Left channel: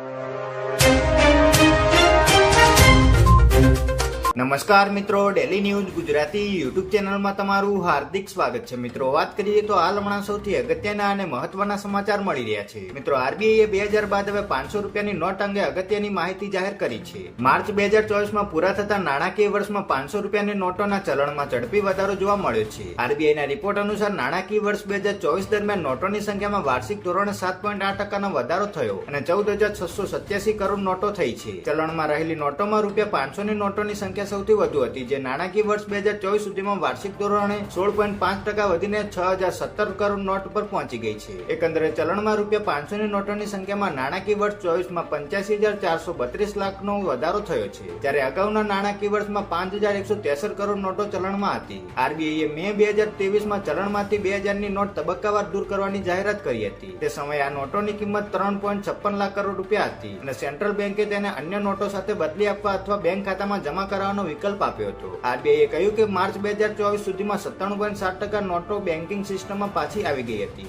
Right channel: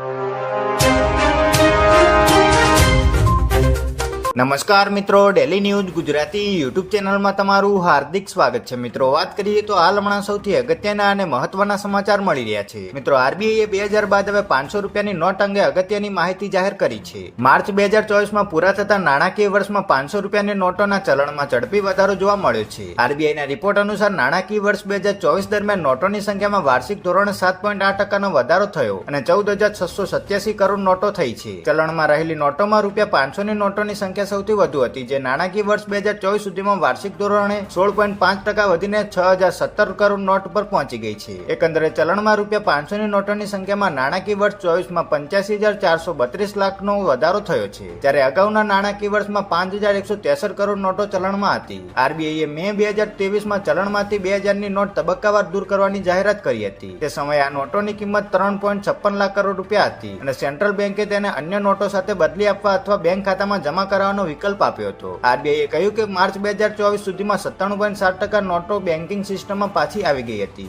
you. નમસ્કાર મિત્રો daily news Gujarati YouTube ચેનલમાં તમારું હાર્દિક સ્વાગત છે. મિત્રો, વાત કરીએ તો હાલ હમણાં સૌથી અગત્યના અને મહત્વના સમાચાર મળી રહ્યા છે. મિત્રો, આરબીઆઈએ બે હજાર બાદ હવે પાંચસો રૂપિયાની નોટ અંગે અગત્યની માહિતી જાહેર કરી છે. માર્ચ બે હજાર ચોવીસમાં પૂરા થતા નાણાકીય વર્ષમાં પાંચસો રૂપિયાની નોટોના ચલણમાં ઝડપી વધારો જોવા મળ્યો છે. આરબીઆઈના રિપોર્ટ અનુસાર નાણાકીય વર્ષ બે હજાર ચોવીસ દરમિયાન નોટોની સંખ્યામાં વાર્ષિક ધોરણે સાત પોઈન્ટ આઠ ટકાનો વધારો થયો અને ચૌદ હજાર છસો સત્યાસી કરોડ નોટો થઈ છે. ચલણમાં રહેલી નોટોમાં રૂપિયા પાંચસોની નોટોની સંખ્યા સૌથી વધુ હતી, જે નાણાકીય વર્ષ બે હજાર ચોવીસ સુધીમાં વાર્ષિક ધોરણે સોળ પોઈન્ટ પાંચ ટકા વધીને છ હજાર સત્તર કરોડ નોટ પર પહોંચી ગઈ છે. એકંદરે ચલણમાં રૂપિયા પાંચસોની નોટોની સંખ્યામાં નાણાકીય વર્ષ ચોવીસમાં પંચ્યાસી હજાર ચારસો બત્રીસ લાખનો વધારો થયો છે. જ્યારે અગાઉના નાણાકીય વર્ષમાં પાંચ હજાર એકસો તેસઠ કરોડ નોટો ચલણમાં હતી. આરબીઆઈએ મે બે હજાર ત્રેવીસમાં ચલણમાંથી બે હજારની નોટ તબક્કાવાર દૂર કરવાની જાહેરાત કરી હતી. તે સમયે આ નોટોની કિંમત ત્રણ પોઈન્ટ છપ્પન લાખ કરોડ રૂપિયા હતી અને સેન્ટ્રલ બેન્કે તેને અન્ય નોટો સાથે બદલી આપવા અથવા બેંક ખાતામાં જમા કરાવવાનો વિકલ્પ આપ્યો હતો. આરબીઆઈએ કહ્યું કે માર્ચ બે હજાર ચોવીસ સુધીમાં સત્તાણું પોઈન્ટ સાત ટકા નોટો બેન્કિંગ સિસ્ટમમાં પાછી આવી ગઈ હતી.